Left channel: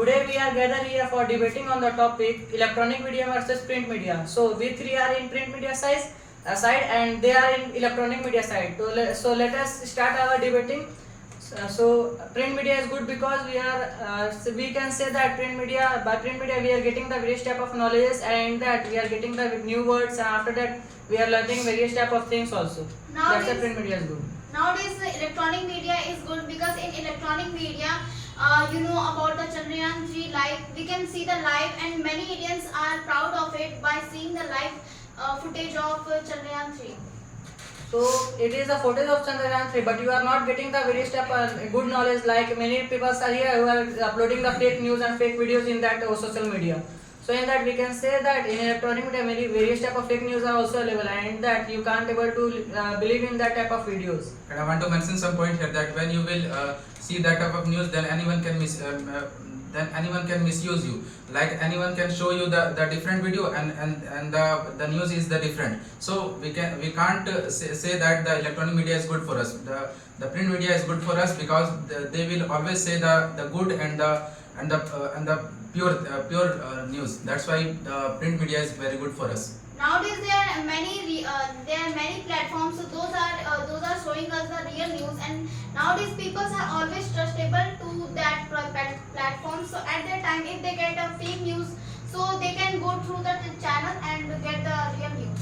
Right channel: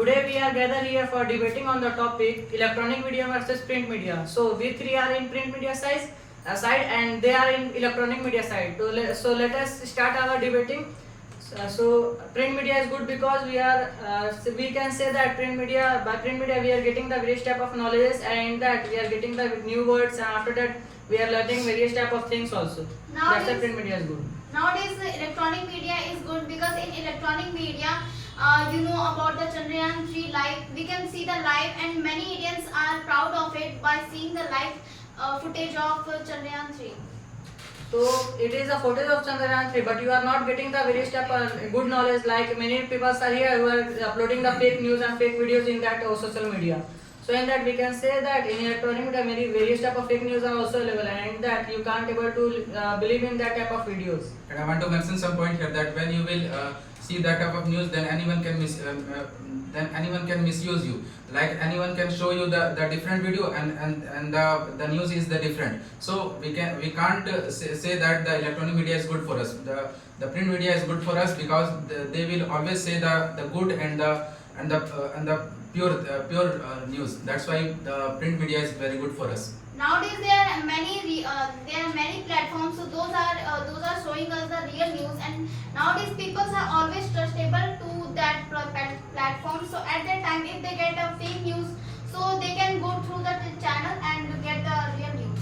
Today we are gathered here for debating on the topic electronic media versus print media. So we three are in print media side and they are in electronic media side. So let us start our debating. So print media is good because we can say that by print media we are getting the various type of knowledge, and that we are getting the new words, and after that we are learning various type of things also. That's why print media is good. Nowadays, electronic media is good because in electronic media, you know about the Chandrayaan 3 live. We can see the live, and many Indians are proud of it by seeing the live footage of Chandrayaan 3. So it is a footage of Chandrayaan 3, but you are not getting the various type of good knowledge. Like many people are here who are uploading the fake news and fake videos in that social media. So in that we can say that in electronic media many various type of fake news are also available, and that you can't able to believe in that type of videos. And I want to mention some point here that when you will see that type of news, then anyone can misuse you. Like anyone can show you the different video, and the news is the different. So we can't say that the electronic media is good for us. The print media is good for us because they will always say the good and the pure news. That's why the print media is very good for us. Nowadays there are many platforms, so those are showing us the real news, and nowadays people are always trustable to that platform. So at that time, if they get a fake news, so they can go through the channel and get the real news.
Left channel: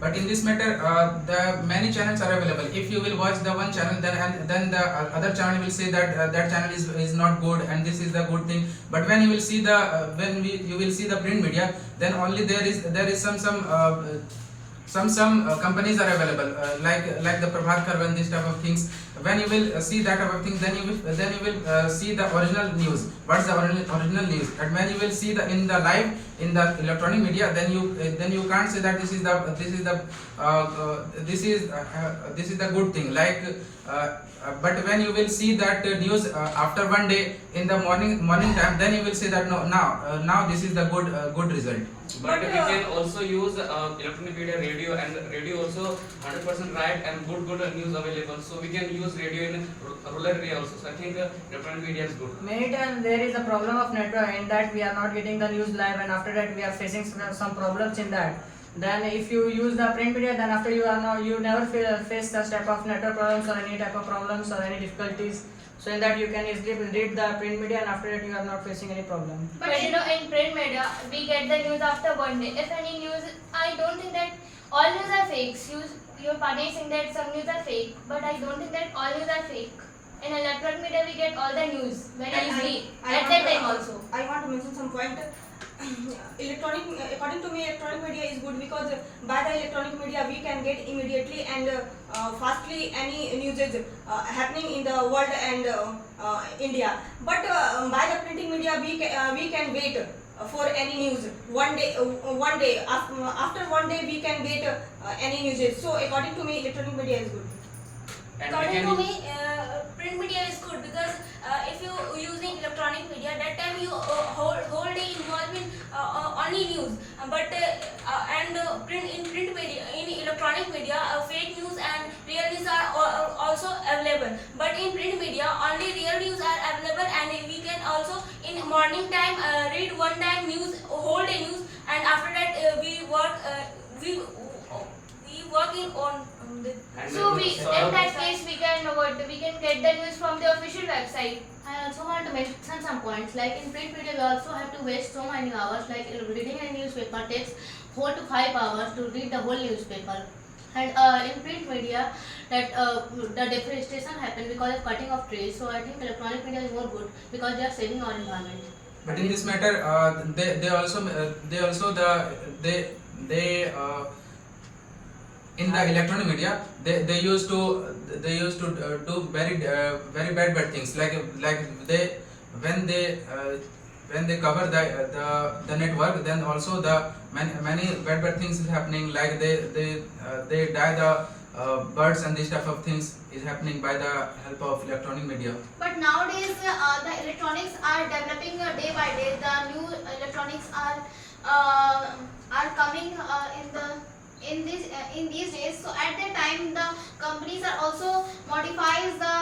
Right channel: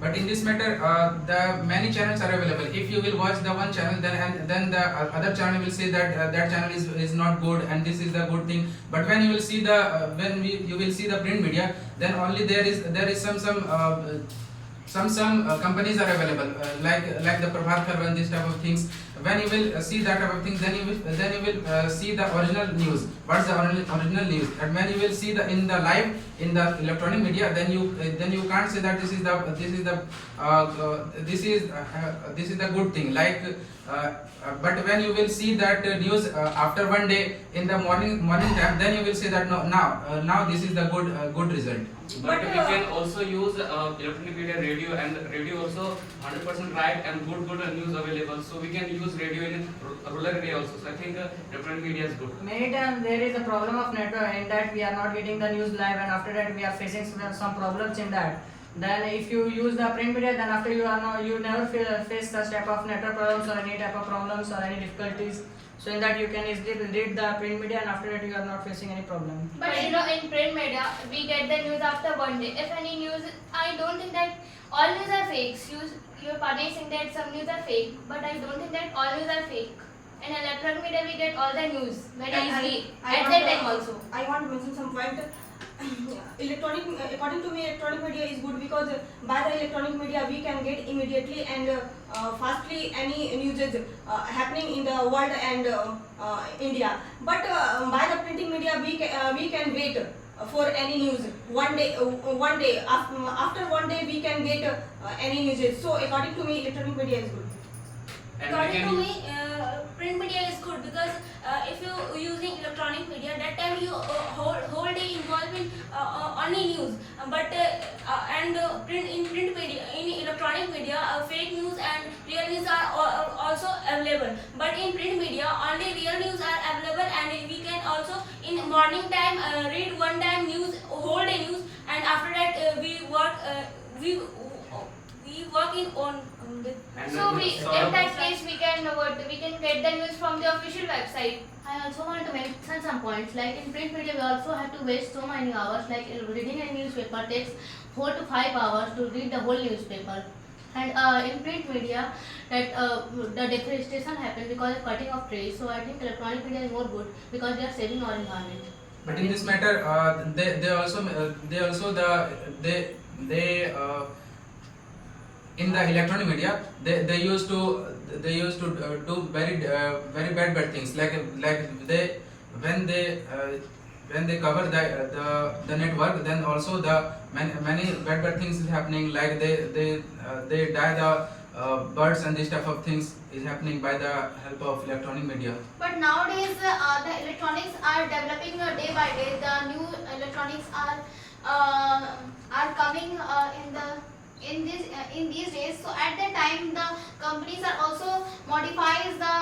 But in this matter, the many channels are available. If you will watch the one channel, then the other channel will say that that channel is not good and this is the good thing. But when you will see you will see the print media, then only there is some companies are available, like the Prabhat and this type of things. When you will see that type of things, then you will see the original news. What's the original news? And when you will see in the live in the electronic media, then you can't say that this is the good thing. But when you will see that news after one day in the morning time, then you will say that now this is the good result. But we can also use electronic media, radio, and radio also 100% right and good news available. So we can use radio in rural area also. So I think electronic media is good. Many times there is a problem of network, in that we are not getting the news live, and after that we are facing some problems in that. Then if you use the print media, then after you never face such type of network problems or any type of problems or any difficulties. So in that you can easily read the print media, and after that you are not facing any problem. But in print media, we get the news after one day. If any news, I don't think that all news are fakes. Your partner is saying that some news are fake, but I don't think that all news are fake. In electronic media, we get all the news very easily at that time also. I want to mention some point. According to me, electronic media is good because by the electronic media we can get immediately and fastly any news is happening in the world and India. But by the printing media we can wait for any news one day. After one day we can get any news. So according to me, electronic media is good. According to me, print media is good because if you using electronic media, that time you whole day involved in only news. But in print media, in electronic media, fake news and real news are also available. But in print media, only real news are available, and we can also in morning time read one time news, whole day news, and after that we work in on. So in that case, we can get the news from the official website. I also want to mention some points. Like in print media, we also have to waste so many hours. Like reading a newspaper takes 4 to 5 hours to read the whole newspaper. And in print media, that the deforestation happens because of cutting of trees. So I think electronic media is more good because they are saving our environment. But in this matter, in the electronic media, they used to do very bad things, when they cover the network, then also the many bad things is happening, like they die the birds and this type of things is happening by the help of electronic media. But nowadays the electronics are developing day by day. The new electronics are coming in these days. So at that time the companies are also modifies the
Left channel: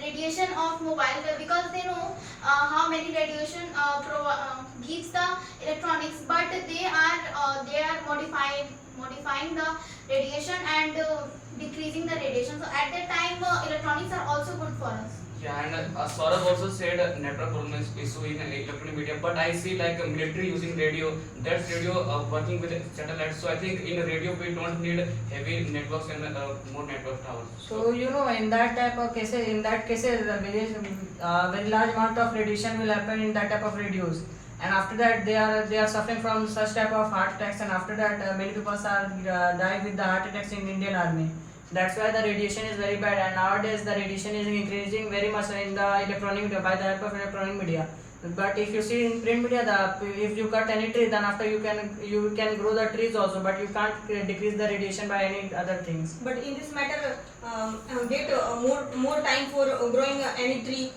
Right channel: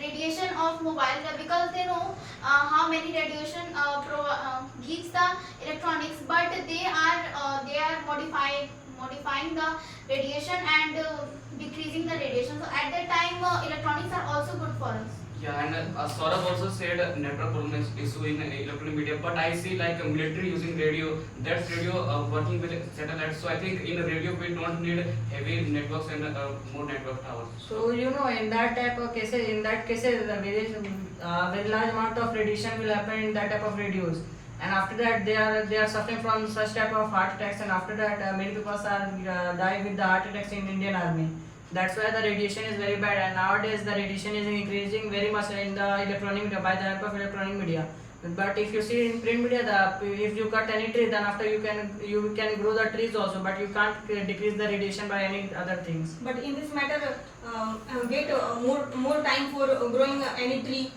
radiation of mobile because they know how many radiation gives the electronics, but they are modifying the radiation and decreasing the radiation. So at that time electronics are also good for us. Yeah, and Saurabh also said network problem is issue in electronic media, but I see like military using radio. That's radio working with satellites. So I think in radio we don't need heavy networks and more network towers. So you know, in that type of cases, a very large amount of radiation will happen in that type of radios, and after that they are suffering from such type of heart attacks, and after that many people are dying with the heart attacks in Indian Army. That's why the radiation is very bad, and nowadays the radiation is increasing very much in the electronic media by the help of electronic media. But if you see in print media, if you cut any tree, then after you can grow the trees also, but you can't decrease the radiation by any other things. But in this matter, get more time for growing any tree.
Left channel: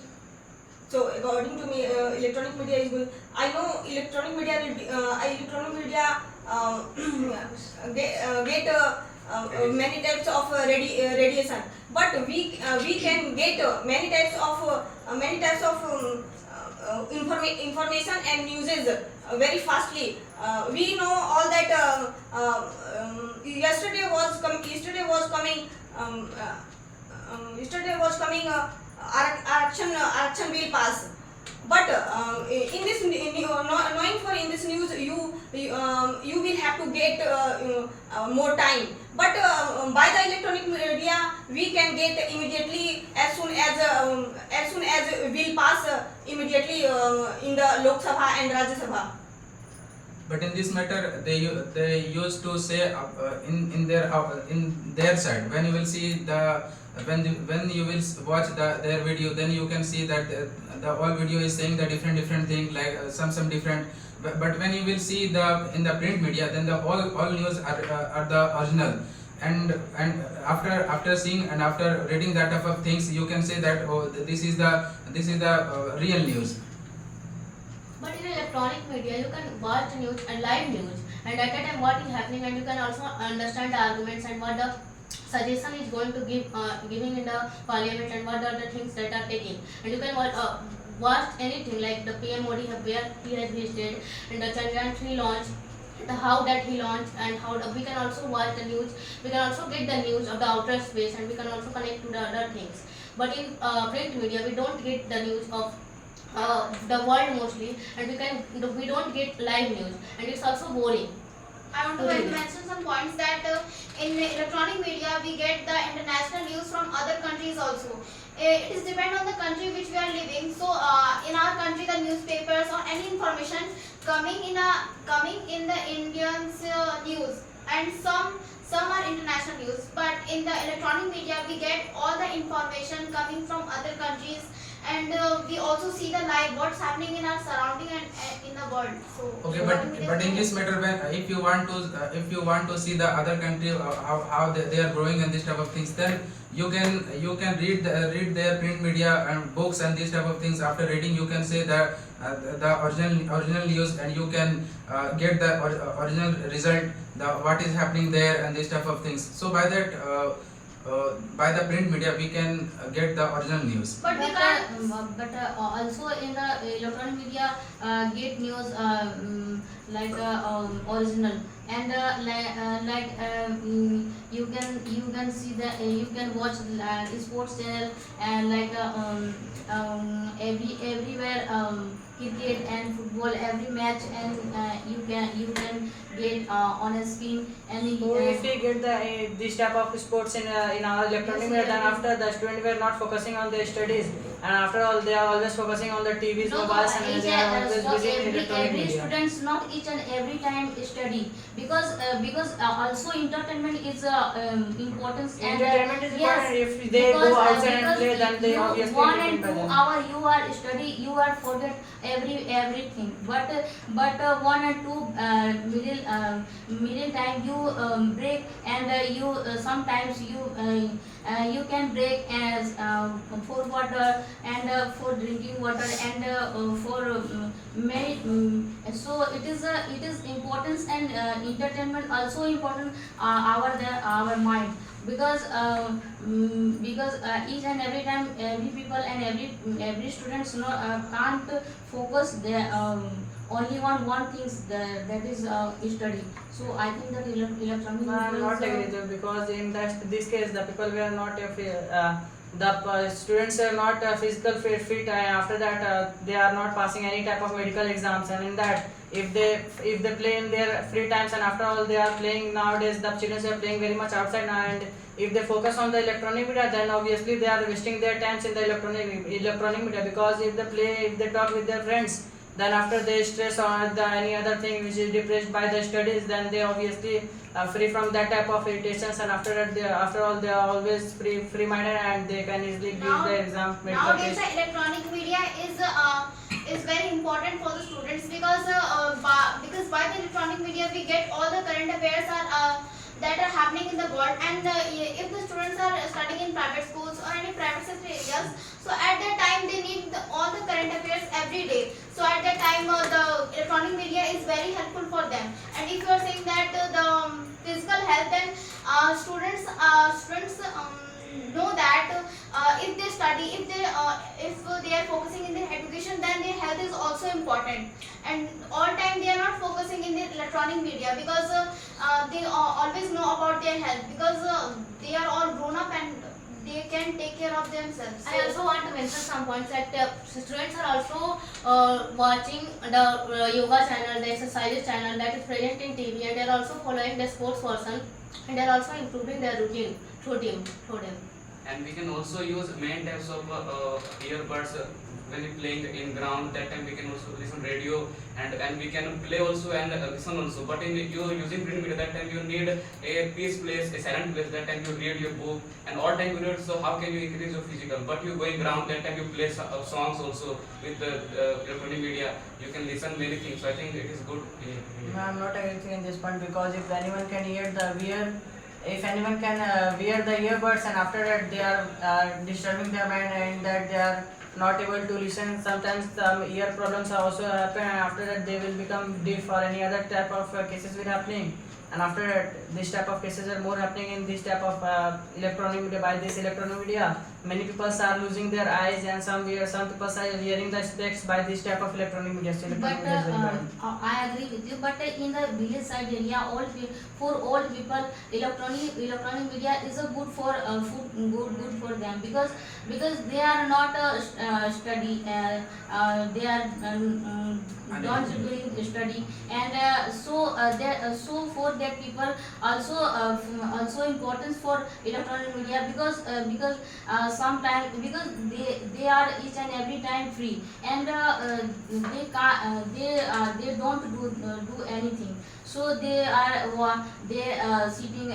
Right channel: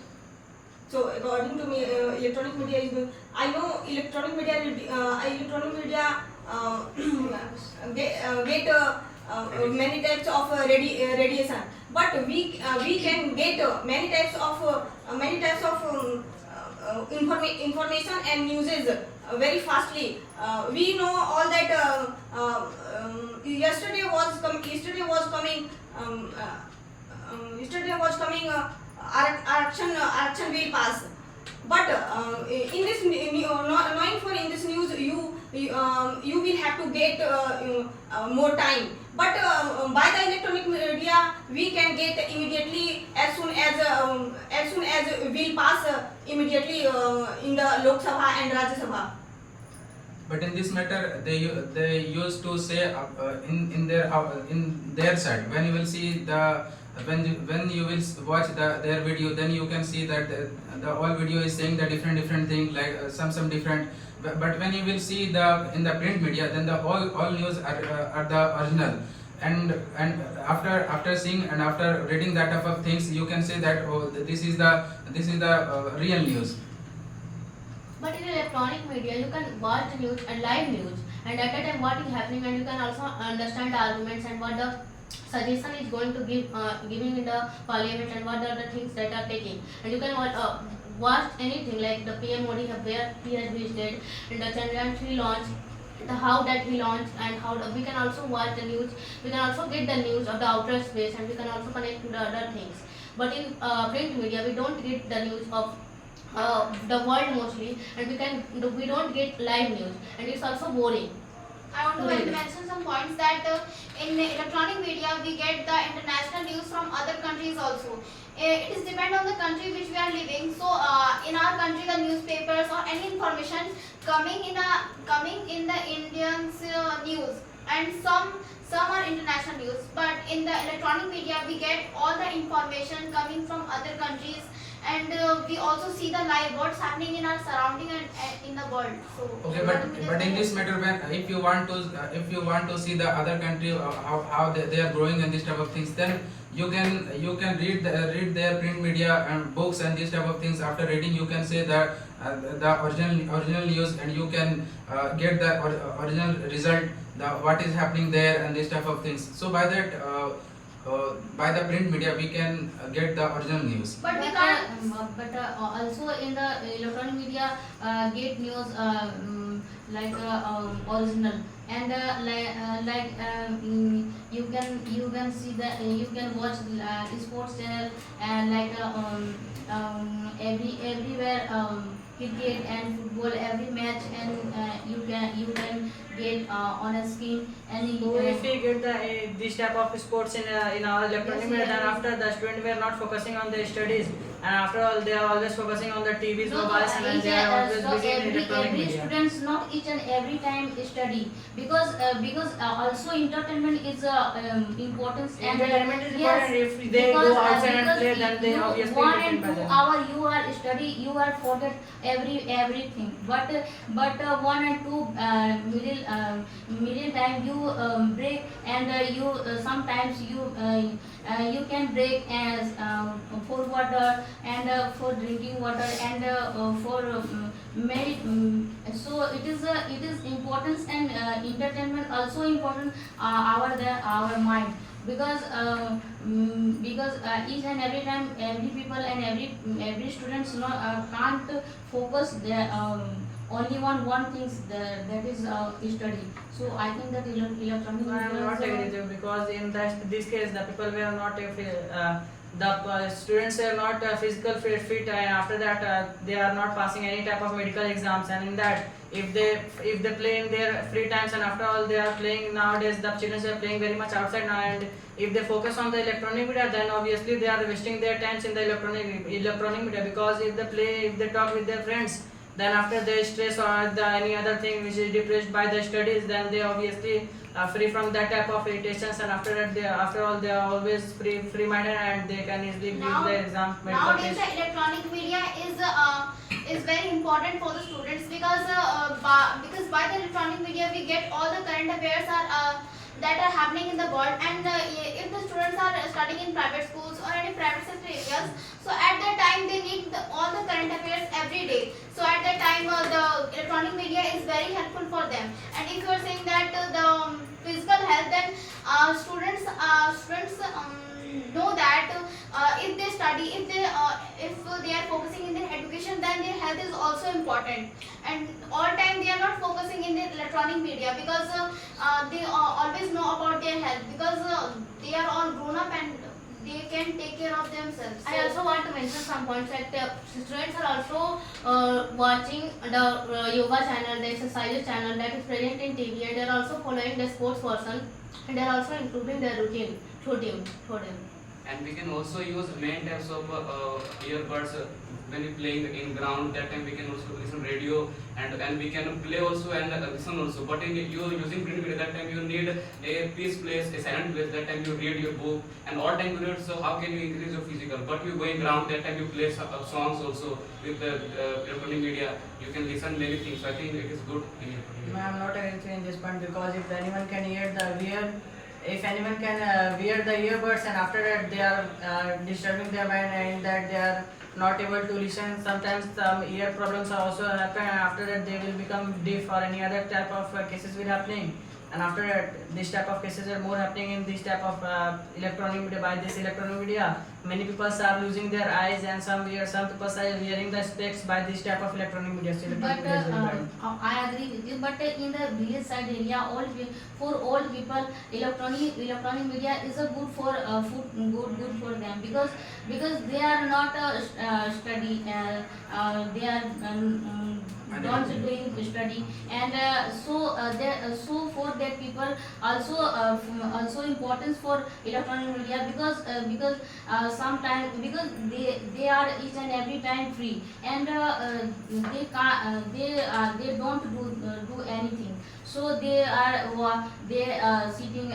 So according to me, electronic media is good. I know electronic media get many types of radiation, but we can get many types of information and newses very fastly. We know all that yesterday was coming action will pass. But in this knowing for in this news, you will have to get more time. But by the electronic media, we can get immediately as soon as will pass immediately in the Lok Sabha and Rajya Sabha. But in this matter, they used to say in their side, when you will see when you will watch their video, then you can see that the whole video is saying the different thing, like some different. But when you will see in the print media, then the all news are the original. And after seeing and after reading that type of things, you can say that, oh, this is the real news. But in electronic media, you can watch the news and live news, and at that time what is happening, and you can also understand the arguments and what the suggestion is going to giving in the parliament, and what are the things that are taking, and you can watch anything like the PM Modi where he has visited, and the Chandrayaan 3 launch, how that he launched, and how we can also watch the news. We can also get the news of the outer space, and we can also connect to the other things. But in print media, we don't get the news of the world mostly, and we don't get live news, and it's also boring. I want to mention some points that in electronic media we get the international news from other countries also. It is depend on the country which we are living. So in our country, the newspapers or any information coming in the Indians news, and some are international news. But in the electronic media we get all the information coming from other countries, and we also see the live what's happening in our surrounding and in the world. So Okay, but in this matter, when if you want to see the other country how they are growing and this type of things, then you can read their print media and books and this type of things. After reading, you can say that the original news, and you can get the original result, what is happening there and this type of things. So by that by the print media we can get the original news. But we can't. Also in the electronic media get news like original, and you can see the you can watch sports channel, and like everywhere cricket and football every match, and you can get on a screen. And So if we get this type of sports in our electronic media, then after the students were not focusing on their studies, and after all they are always focusing on the TVs, mobiles, and they are always busy in electronic every media. students not each and every time study, because also entertainment is important. Entertainment is Yes, important. If they go outside and play, then they you obviously 1 get and it 2 better. hour you are study, you are forget everything. But 1 and 2 middle time you break, and you sometimes you can break as for water, for drinking water, and for many. So it is importance, and entertainment also important our mind, because each and every time every people and every students can't focus their only on one things, that is study. So I think that electronic No, I am media not is, agree with you, because in this case the people were not the students are not physical fit, and after that they are not passing any type of medical exams, and in that if they play in their free times, and after all they are playing nowadays, the children are playing very much outside now, and if they focus on the electronic media, then obviously they are wasting their times in the electronic media, because if they talk with their friends, then after they stress or any other thing which is depressed by the studies, then they obviously free from that type of irritations, and after that after all they are always free minded, and they can easily give the exam medical Nowadays, test. the electronic media is very important for the students, because by the electronic media we get all the current affairs that are happening in the world, and if the students are studying in private schools or any private sector areas, so at that time they need all the current affairs every day. So at that time the electronic media is very helpful for them. And if you are saying that the physical health, then students know that if they study, if they are focusing in their education, then their health is also important, and all time they are not focusing in their electronic media, because they always know about their health, because they are all grown up and they can take care of themselves. I also want to mention some points, like students are also watching the yoga channel, the exercises channel that is present in TV, and they are also following the sports person, and they are also improving their routine through them. And we can also use many types of earbuds when we playing in ground. That time we can also listen radio, and we can play also and listen also. But in you using print media, that time you need a peace place, a silent place. That time you read your book, and all time you read. So how can you increase your physical? But you going ground, that time you play songs also with the electronic media. You can listen many things. So I think it is good in electronic No, media. I am not agreeing in this point, because if anyone can if anyone can wear the earbuds, and after that they are disturbing their mind, and that they are not able to listen, sometimes some ear problems are also happen, and after that they will become deaf, or any other type of cases will happening, and after that this type of cases are more happening in this type of electronic media. By this electronic media, many people are losing their eyes, and some people are wearing the specs by this type of electronic media. So electronic But media is very bad. I agree with you. But in the village side area, for all people, electronic media is a good for good for them, because they are not study. They are not doing study, and so for that people also importance for electronic media, because sometimes, because they are each and every time free, and they don't do anything, so they sitting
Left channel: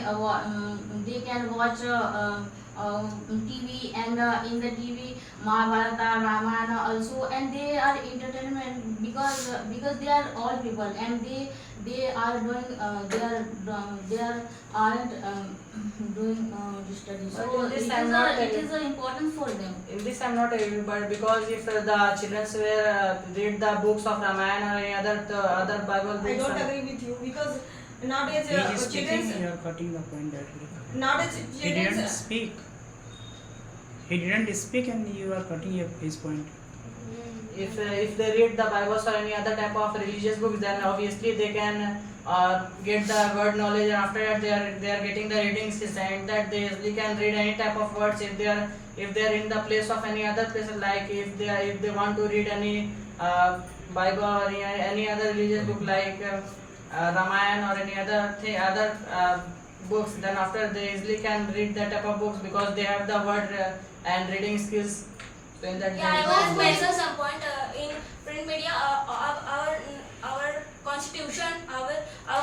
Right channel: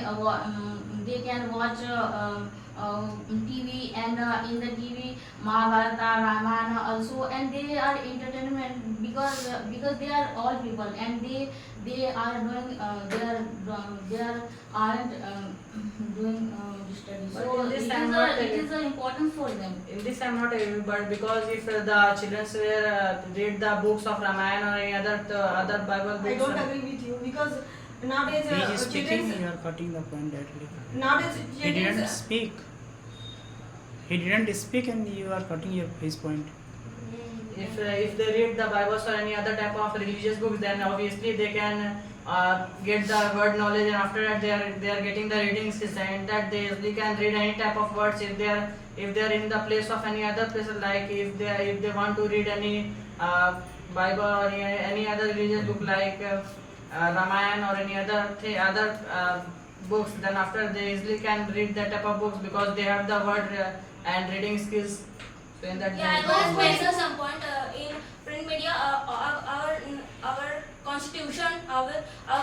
they can watch TV, and in the TV Mahabharata, Ramayana also, and they are entertainment, because they are all people, and they are doing they aren't doing study. But So in this it I'm is not it is important for them. In this I'm not agree, but because if the children were read the books of Ramayana or any other Bible I books, don't agree with you, because nowadays He is speaking, children you are cutting the point directly. nowadays He didn't children speak. He didn't speak, and you are cutting his point. if they read the Bibles or any other type of religious books, then obviously they can get the word knowledge, and after that they are getting the reading skills, and that they easily can read any type of words if they are in the place of any other place, like if they want to read any Bible or any other religious book, like Ramayana or any other books, then after they easily can read that type of books, because they have the word and reading skills. So in that Yeah, I way, want to mention some point in print media. Our constitution, our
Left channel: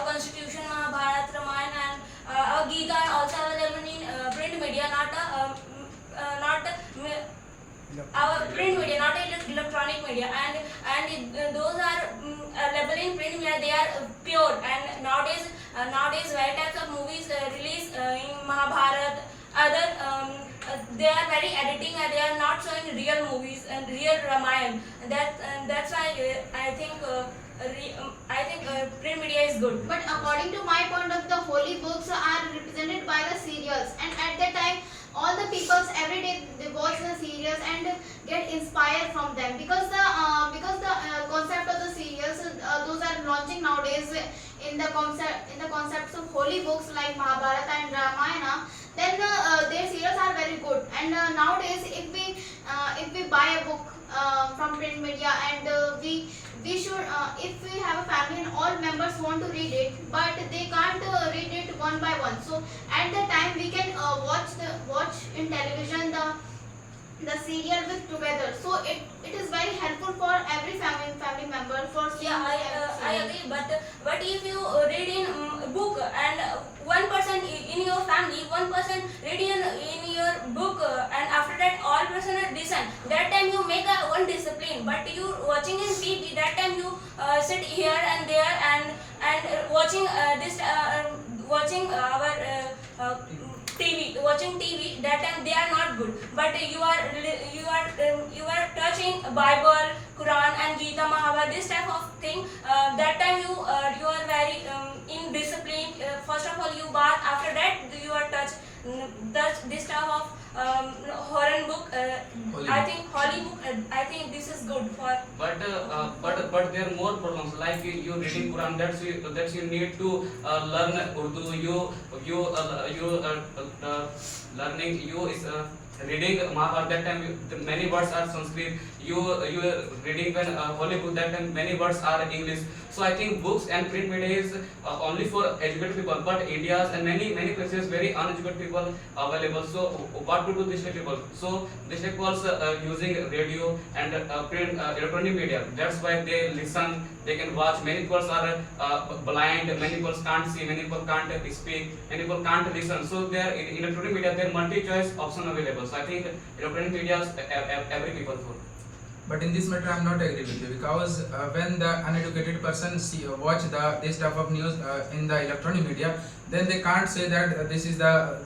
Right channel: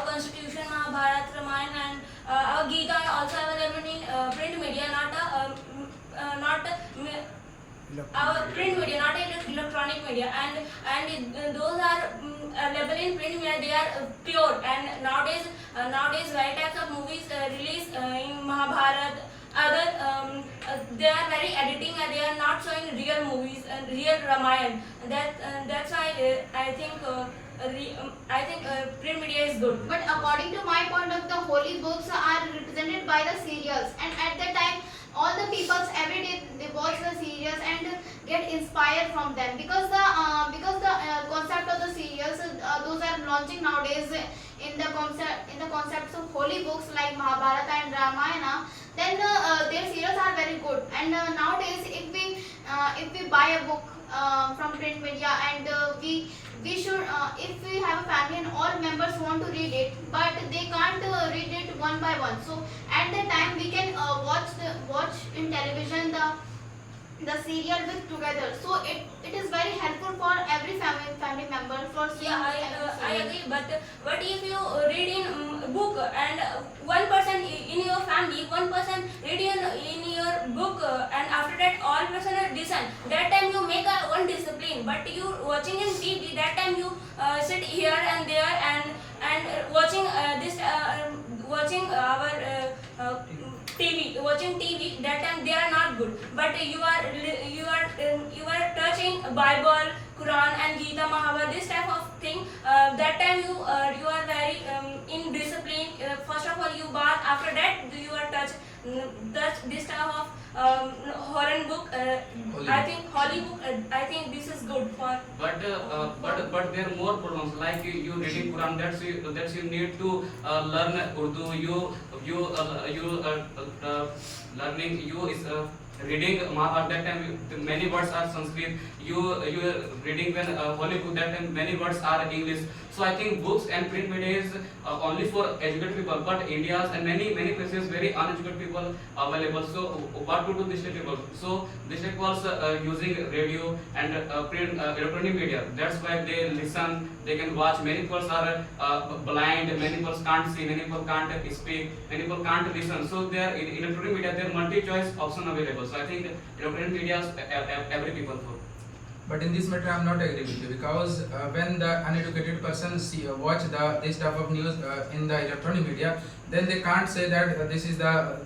constitution, Mahabharata, Ramayana, and our Gita are also available in print media, not our print media, not electronic media, and those are available in print media. They are pure, and nowadays very types of movies released in Mahabharata, other they are very editing and they are not showing real movies and real Ramayan. That's why I think print media is good. But according to my point of the holy books are represented by the serials, and at that time all the peoples every day they watch the serials and get inspired from them, because the concept of the serials those are launching nowadays in the concepts of holy books like Mahabharata and Ramayana. Then their serials are very good, and nowadays if we buy a book from print media, and we should if we have a family and all members want to read it, but they can't read it one by one, so at that time we can watch in television the serial with together, so it is very helpful for every family member for seeing. I agree, but if you read in book and one person in your family, one person read in your book, and after that all person listen, that time you make a one discipline. But you watching in TV, that time you sit here and there and watching watching our watching TV, that time they are not good. But you are touching Bible, Quran and Gita, Mahabharata, this type of thing. That time you are very in discipline. First of all you bath, after that you are touch this type of horror book. I think holy book. I think this is good for. But there are more problems, like you reading Quran, that's you need to learn Urdu. Learning you is reading Mahabharata, that time many words are Sanskrit. You reading when holy book, that time many words are English. So I think books and print media is only for educated people, but India's and many places very uneducated people available. So what to do this people? So this people using radio and print electronic media. That's why they listen, they can watch. Many people are blind, many people can't see, many people can't speak, many people can't listen. So there in electronic media there are multi-choice option available. So I think electronic media is every people for. But in this matter, I am not agree with you, because when the uneducated person watch this type of news in the electronic media, then they can't say that this is the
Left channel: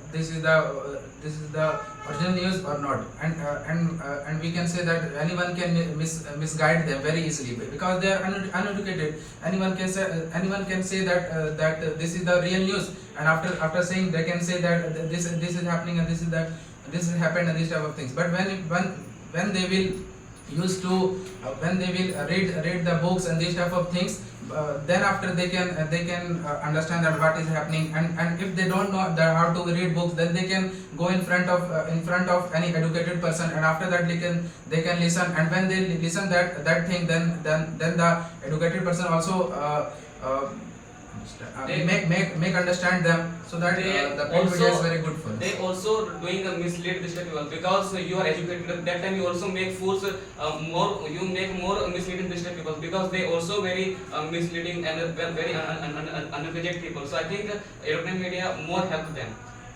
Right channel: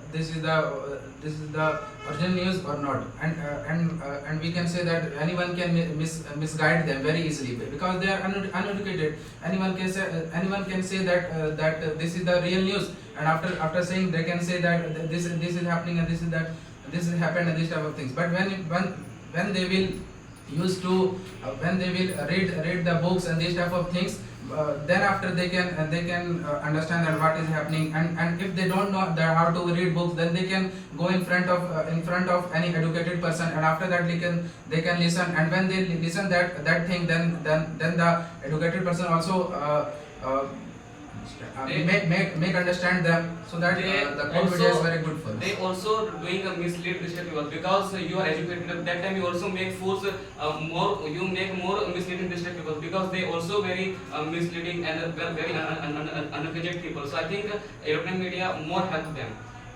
original news or not, and we can say that anyone can misguide them very easily, because they are uneducated. Anyone can say that this is the real news, and after saying, they can say that this is happening and this is happened and this type of things. But when they will when they will read the books and these type of things, then after they can understand that what is happening, and if they don't know how to read books, then they can go in front of any educated person, and after that they can listen, and when they listen that thing, then the educated person also make understand them, so that the print media is very good for us. They also doing a mislead this people, because you are educated. That time you also make fools you make more misleading this people, because they also very misleading and very uneducated people. So I think electronic media more help them.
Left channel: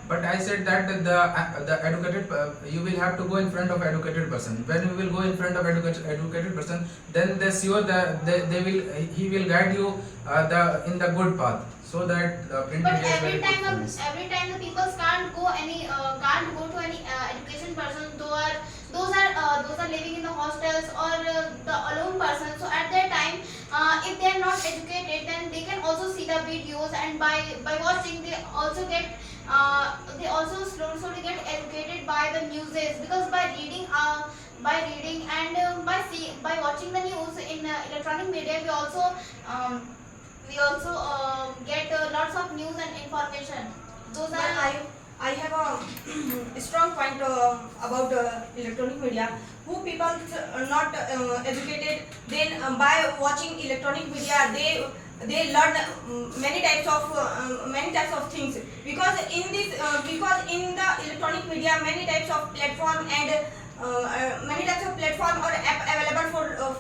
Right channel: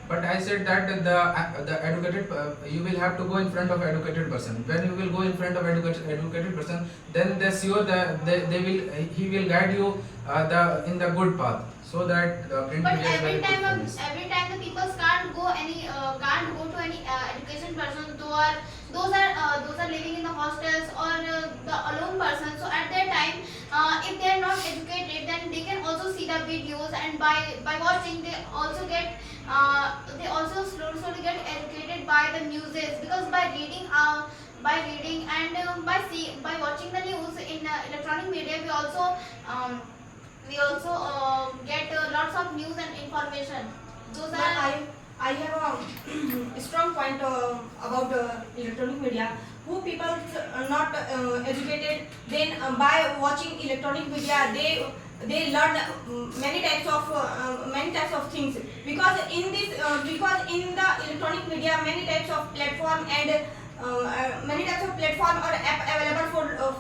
But I said that the educated you will have to go in front of educated person. When you will go in front of educated person, then they sure that he will guide you in the good path, so that print But media is very good for us. every time the people can't go to any education person. Those are living in the hostels or the alone person. So at that time, if they are not educated, then they can also see the videos, and by watching they also get slowly get educated by the newses, because by reading and by watching the news in electronic media, we also get lots of news and information. Those But are I have a strong point about electronic media. Who people are not educated, then by watching electronic media, they learn many types of things, because in the electronic media many types of platform or app available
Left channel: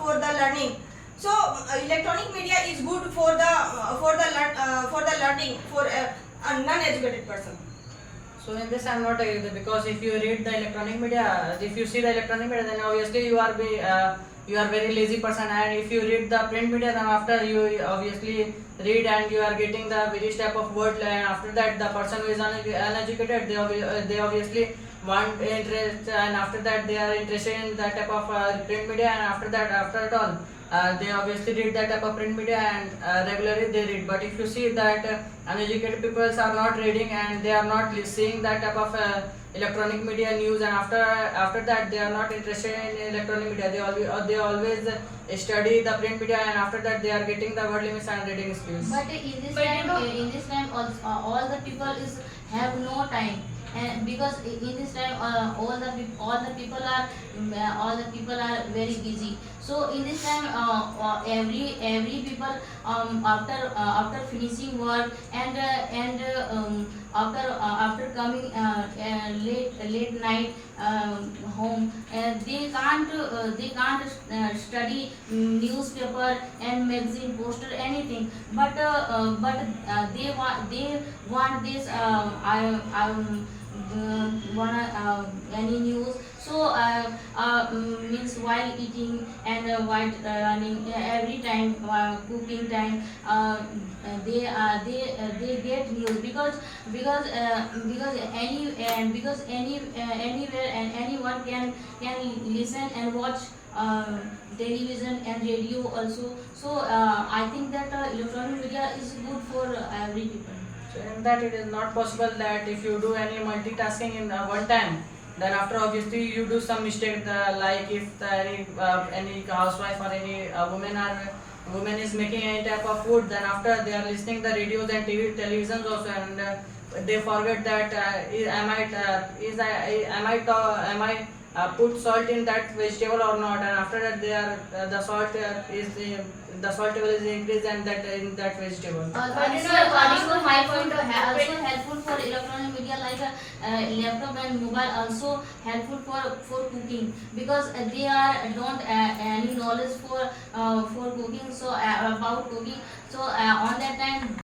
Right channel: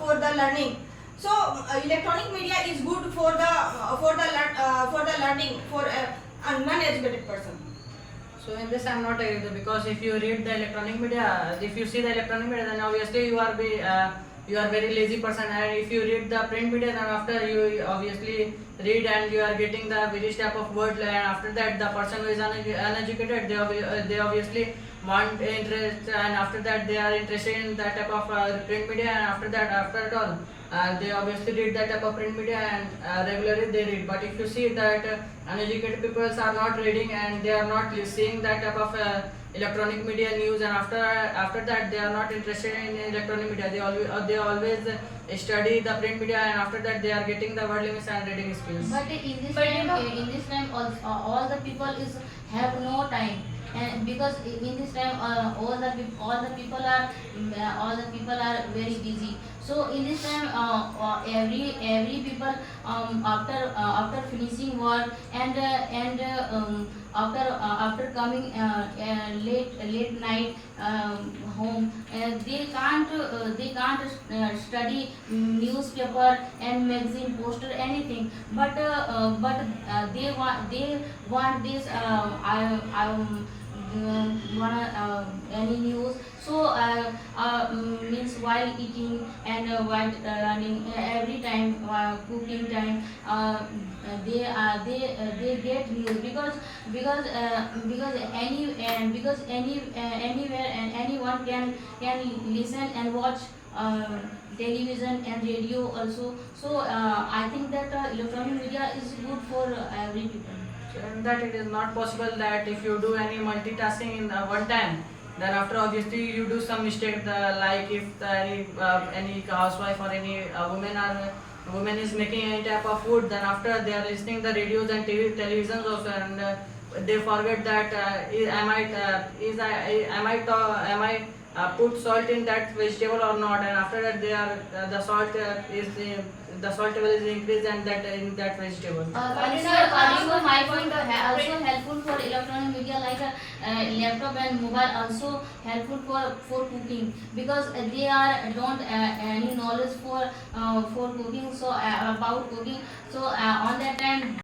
for the learning. So electronic media is good for the learning for a non-educated person. So in this I'm not agree with you, because if you read the electronic media, if you see the electronic media, then obviously you are very lazy person, and if you read the print media, then after you obviously read and you are getting the various type of word, and after that the person who is uneducated, they obviously want interest, and after that they are interested in that type of print media, and after that, after it all, they obviously read that type of print media, and regularly they read. But if you see that uneducated people are not reading and they are not seeing that type of electronic media news, and after that they are not interested in electronic media, they always study the print media, and after that they are getting the word limits and reading skills. But in this But you time, know- all the people is have no time, and because in this time, all the people are very busy. So in this time, every people after finishing work and after coming late night home, they can't study newspaper and magazine poster anything, but they want this wanna any news. So means while eating and while running, every time cooking time, they get news, because anywhere and anyone can listen and watch television and radio also. So I think that electronic media is good for every people. So in that it is not possible that if you do any multitasking in one time, then after obviously you do some mistake. Like if any housewife or any woman is making any type of food, then after they are listening the radios and televisions also, and they forget that am I put salt in that vegetable or not, and after that they are the salt level is increased and that in that vegetable. Also my point, also helpful for electronic media, like laptop and mobile, also helpful for cooking, because they are don't any knowledge for cooking, so about cooking. So on that time